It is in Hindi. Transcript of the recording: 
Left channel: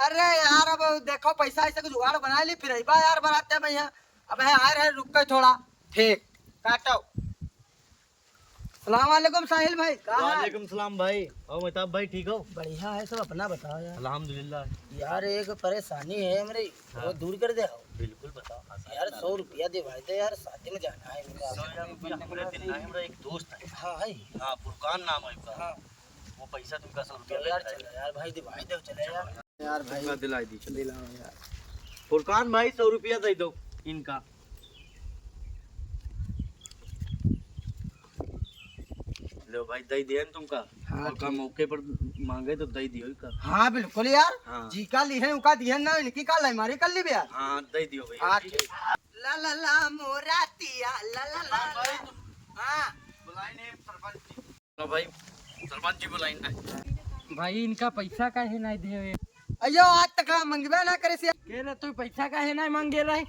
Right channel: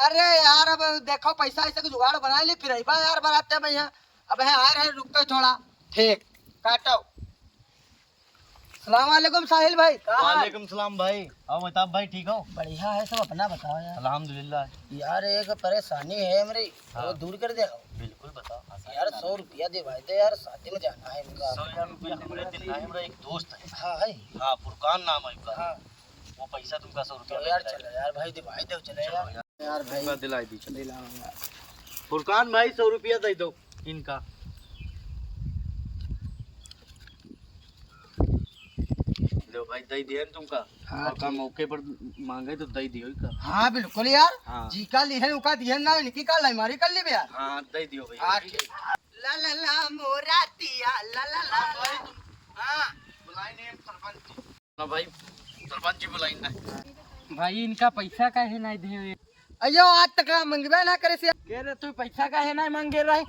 अरे यार अब देखो पैसा ऐसे कुछ जुगाड़ बना ली फिर बा यार बनाते हैं भैया। अब है आए रहे रुक गए थोड़ा। ठीक काटो। सलाम वालेकुम साहिल भाई। वालेकुम सलाम भाई। और महताब भाई ठीक हो? बढ़िया है सब। अपना बताओ यार। अल्हम्दुलिल्लाह। यार एक परेशानी है मेरी वो दूर कर दे। बिल्कुल बताओ। यार 100 रुपया दिवाई दे यार शादी में जाना है इनका। 100 रुपया हमारे दिल है। हमारा एक दोस्त है। हाँ है। हाँ फुरकान नाम है उसका। हाँ वो पैसा तुमका 100 रुपया यार चलो यार भाई दिवाई दो चले यार। यार भाई दिलाई दी। दिलाओ यार। फुरकान भाई 100 रुपया दे दो इनका। लो भाई दे दिया न तुमका। हाँ, और का मौके पर मांगे तो दे दियो इनका। हाँ बिल्कुल यार। हाँ। जी का लिहन उका दिहन ना इनकी का लाइमारी कर ली बे यार। हाँ दे दियो भाई। हाँ ठीक। ला ला ला मोरातिया ला ला ला ला। हाँ बुलाएंगे सरपंच। भाई सरपंच जी बुलाएंगे। भाई इनका पैसा काहे नहीं दे? अयो आज तक मंगबे ना करे से। कह रहे तू पैसा काहे नहीं मांगे रही?